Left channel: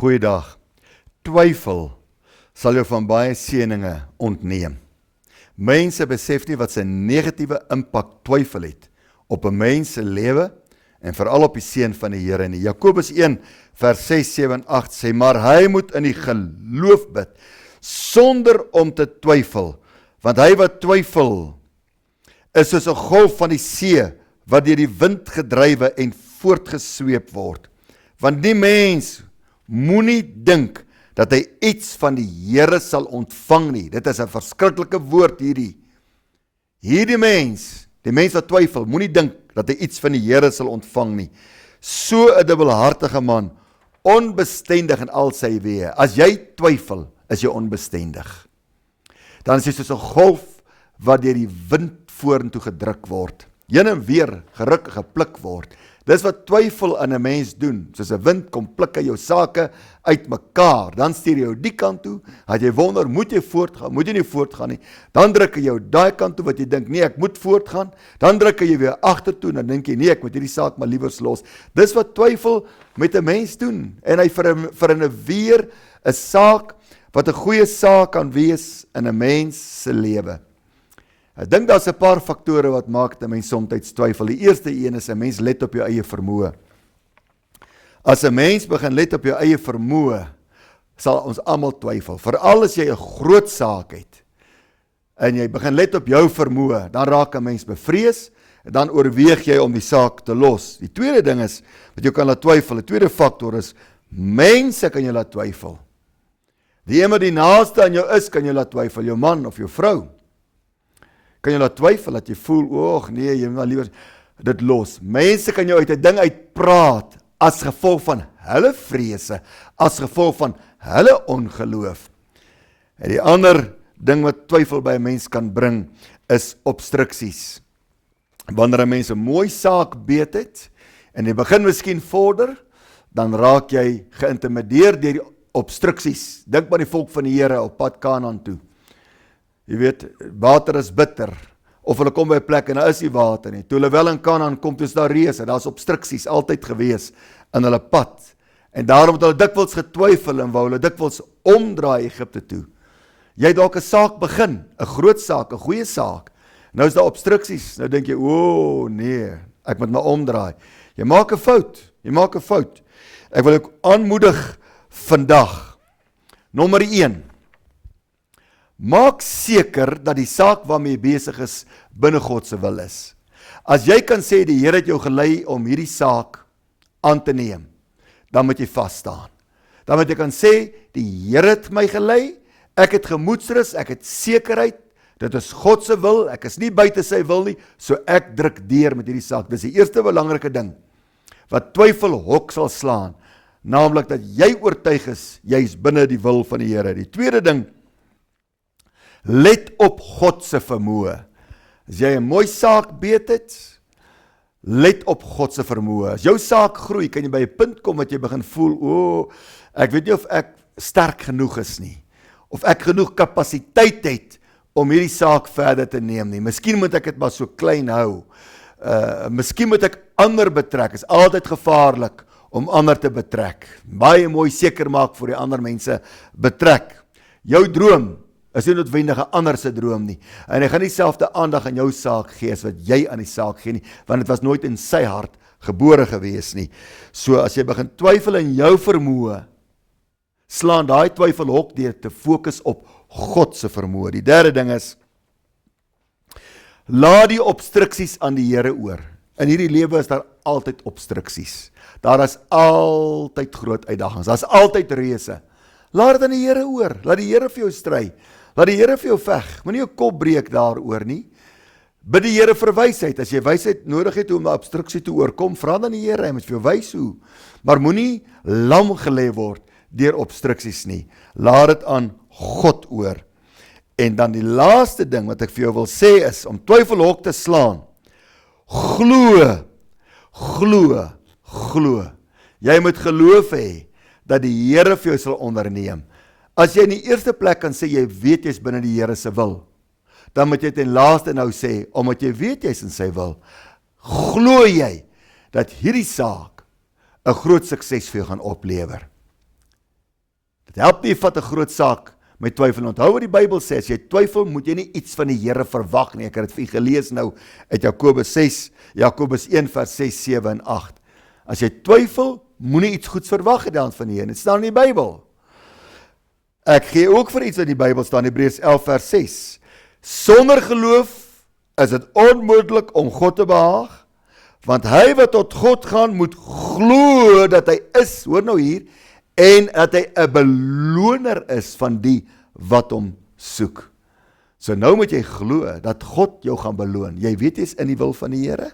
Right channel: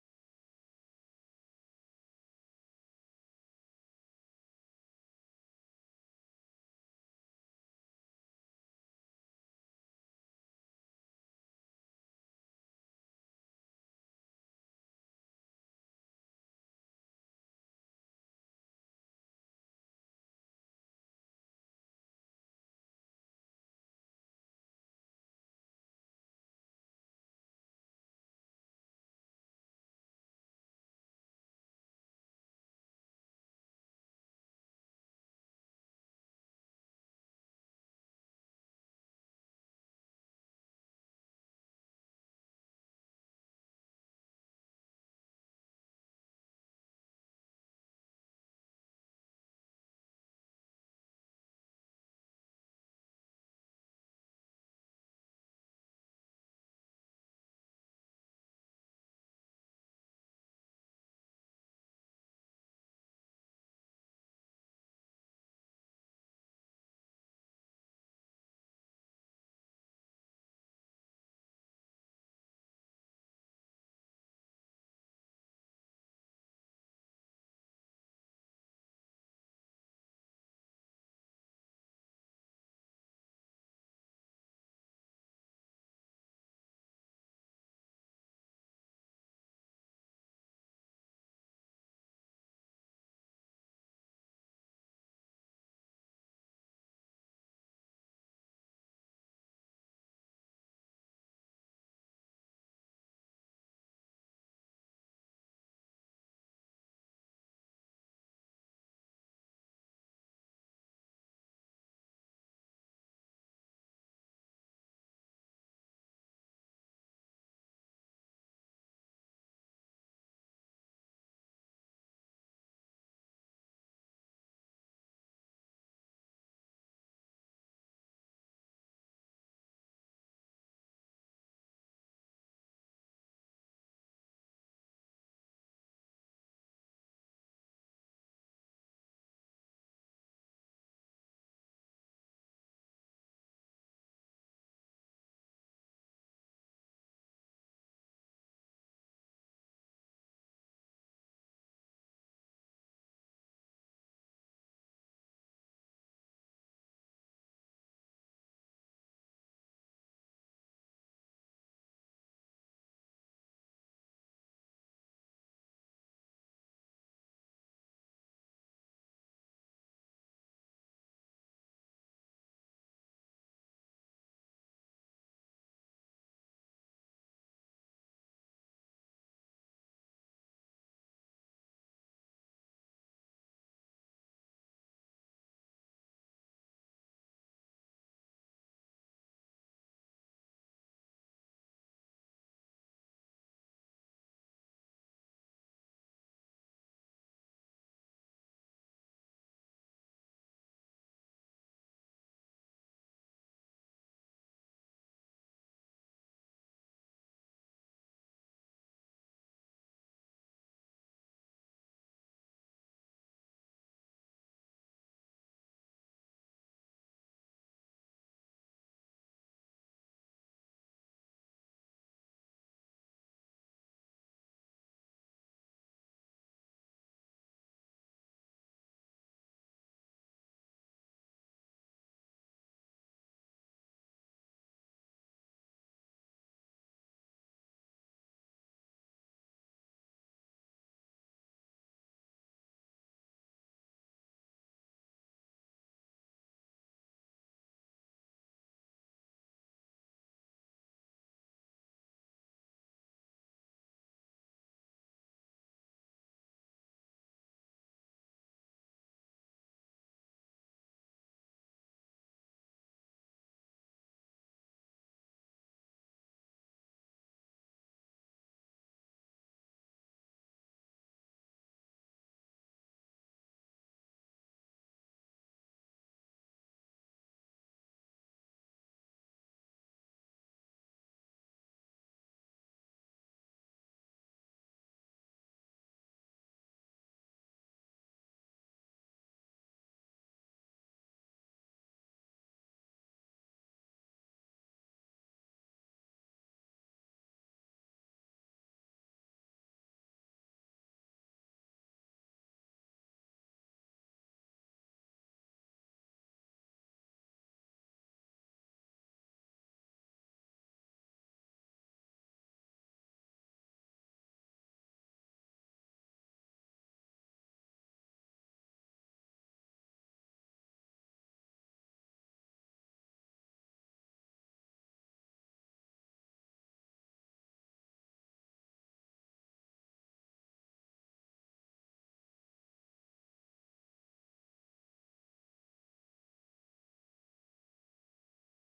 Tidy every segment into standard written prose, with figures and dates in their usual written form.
Goeiedag. Twyfel sal jou van baie seëninge ontneem. Mense besef nie wat sy negatiewe impak twyfel het op 'n mens se lewe en veral op die seun van die Here nie. Jakobus 1 vers 6, 7 en 8 sê, maar hy moet in die geloof bid, sonder om te twyfel, want hy wat twyfel is soos 'n golf van die see, wat deur die wind gedrywe en voortgesweep word. Want die mens moenie dink dat hy iets van die Here sal ontvang nie. Dit is 'n verskriklike woord hierdie. Hierdie mens, die mens wat twyfel, moenie dink dat hy iets van die Here sal ontvang nie. So 'n dubbelhartige man, onbestendig in al sy weë. As jy twyfel, is jy onbestendig. Dan is jy soos 'n golf wat deur die wind vorentoe gedruk word. Heen en weer geruk, gepluk word. Dis wat twyfel in 'n mens doen. Soos 'n wind kom pluk hy jou sake uitmekaar. Dan stuur jy jou die kant toe. As jy wonder, moet jy voortgaan? Moet jy nie voortgaan nie? Dan druk hy jou daai kant toe wat jy dink, nee, ek moet voortgaan. Dan druk hy jou weer agtertoe en dan dink jy, nee, ek moet hierdie saak maar liewers los. Dis wat twyfel met 'n mens doen. En hy vernuweer 'n saak wat 'n goeie saak kan wees in 'n mens se lewe. Ek dink daar's 'n paar faktore wat maak dat 'n mens soms twyfel. Die eerste een is 'n mens let op jou eie vermoë. As 'n mens begin let op jou eie vermoë, sal ons almal twyfel. Veral as jy 'n groot saak het en jy begin let op jou vermoë, dan raak 'n mens bevrees en dan oorweeg jy om die saak te los. Die tweede ding is wat jou kan laat twyfel. Die tweede faktor is mense kan jou laat twyfel. Die een wat die naaste aan jou is, kan jou laat twyfel, jou man of jou vrou. Kan jy laat twyfel, dat jy voel, oog nee, jy moet maar liewer dit los. Mense kan jou uit 'n ding uitpraat, as gevolg van hulle vrese, as gevolg van hulle ongeloof. En die ander ding wat twyfel by 'n mens kan bring, is obstruksies. Wanneer 'n mens 'n mooi saak beet het, en jy begin miskien vorder, dan raak jy geïntimideer deur die obstruksies. Dink maar die volk van die Here op pad Kanaan toe. Jy weet, water is bitter, of hulle kom by 'n plek en daar is nie water nie. Toe hulle wel in Kanaan kom, toe is daar reëse, daar's obstruksies altyd gewees in hulle pad. En daarom het hulle dikwels getwyfel en wou hulle dikwels omdraai Egipte toe. Jy het dalk 'n saak begin, 'n groot saak, 'n goeie saak. Nou is daar obstruksies. Nou dink jy, o nee, ek moet maar omdraai. Jy maak 'n fout. Ek wil ook aanmoedig vandag. Nommer 1. Maak seker dat die saak waarmee jy besig is, binne God se wil is. As jy kan sê, die Here het jou gelei om hierdie saak aan te neem, dan moet jy vas staan. Dan moet jy kan sê, die Here het my gelei, ek het gemoedsrus, ek het sekerheid, dit is God se wil, ek is nie buite sy wil nie, so ek druk deur met hierdie saak. Dis die eerste belangrike ding, wat twyfel hok sal slaan, naamlik dat jy oortuig is, jy is binne die wil van die Here. Die tweede ding, let op God se vermoë. As jy 'n mooi saak beet het, let op God se vermoë. As jou saak groei, kan jy by 'n punt kom wat jy begin voel, ek weet nie of ek sterk genoeg is nie, of ek genoeg kapasiteit het om hierdie saak verder te neem nie. Miskien moet ek dit maar so klein hou. Miskien moet ek ander betrek. Is altyd gevaarlik om ander te betrek. Baie mooi seker maak vir die ander mense betrek. Jou droom is nie noodwendig 'n ander se droom nie. En hy gaan nie dieselfde aandag aan jou saak gee as wat jy aan die saak gee nie, want dit was nooit in sy hart gebore gewees nie. So as jy begin twyfel in jou vermoë, slaan daai twyfel hok deur te fokus op God se vermoë. Die derde ding is, laat die obstruksies aan die Here oor. In hierdie lewe is daar altyd obstruksies. Daar is altyd groot uitdagings. Daar's altyd reëse. Laat dit aan die Here oor. Laat die Here vir jou stry. Laat die Here vir jou veg. Moenie jou kop breek daaroor nie. Bid die Here vir wysheid. As jy wysheid nodig het om 'n obstruksie te oorkom, vra dan die Here, hy moet vir jou wys hoe. Maar moenie lam gelê word deur obstruksies nie. Laat dit aan God oor. En dan die laaste ding wat ek vir jou wil sê is, om twyfelhok te slaan, glo. Jy moet geloof hê dat die Here vir jou sal onderneem. As jy in die eerste plek kan sê, jy weet jy is binne die Here se wil, dan moet jy ten laaste nou sê, omdat jy weet jy is in sy wil, glo jy dat hierdie saak 'n groot sukses vir jou gaan oplewer. Dit help nie, vat 'n groot saak met twyfel. Onthou wat die Bybel sê, as jy twyfel, moet jy nie iets van die Here verwag nie. Ek het dit vir u gelees nou uit Jakobus 1 vers 6, 7 en 8. As jy twyfel, moenie iets goeds verwag hê dan van die Here. Dit staan in die Bybel. Ek gee ook vir iets uit die Bybel staan, Hebreërs 11 vers 6. Sonder geloof is dit onmoontlik om God te behaag, want hy wat tot God gaan, moet glo dat hy is, hoor nou hier, en dat hy 'n beloner is van die wat hom soek. So nou moet jy glo dat God jou gaan beloon. Jy weet jy's in die wil van die Here,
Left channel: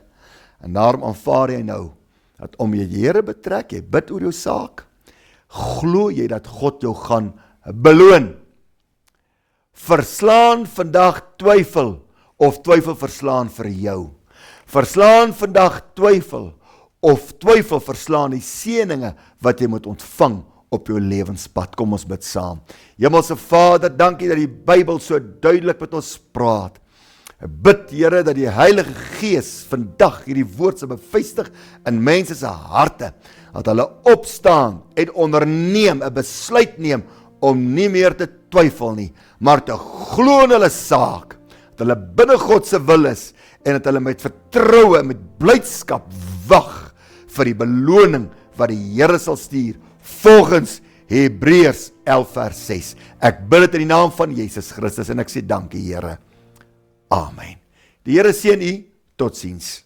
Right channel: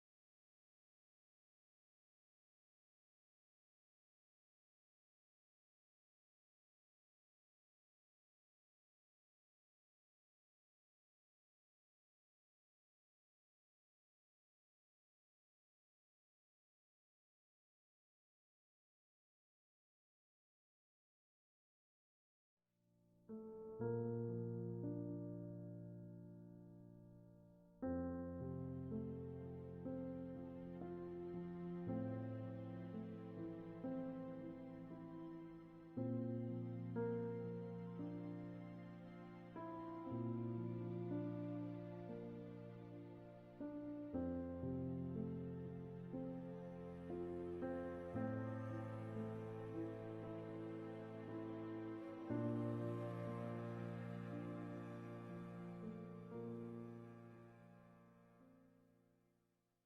en daarom aanvaar jy nou, dat om jy die Here betrek, jy bid oor jou saak, glo jy dat God jou gaan beloon. Verslaan vandag twyfel, of twyfel verslaan vir jou. Verslaan vandag twyfel, of twyfel verslaan die seëninge wat jy moet ontvang op jou lewenspad. Kom ons bid saam. Hemelse Vader, dankie dat die Bybel so duidelik met ons praat. Ek bid, Here, dat die Heilige Gees vandag hierdie woord sal bevestig in mense se harte, dat hulle opstaan en onderneem, 'n besluit neem om nie meer te twyfel nie, maar te glo in hulle saak, dat hulle binne God se wil is, en dat hulle met vertroue, met blydskap wag vir die beloning wat die Here sal stuur, volgens Hebreërs 11 vers 6. Ek bid dit in die naam van Jesus Christus, en ek sê dankie, Here. Amen. Die Here seën u, totsiens.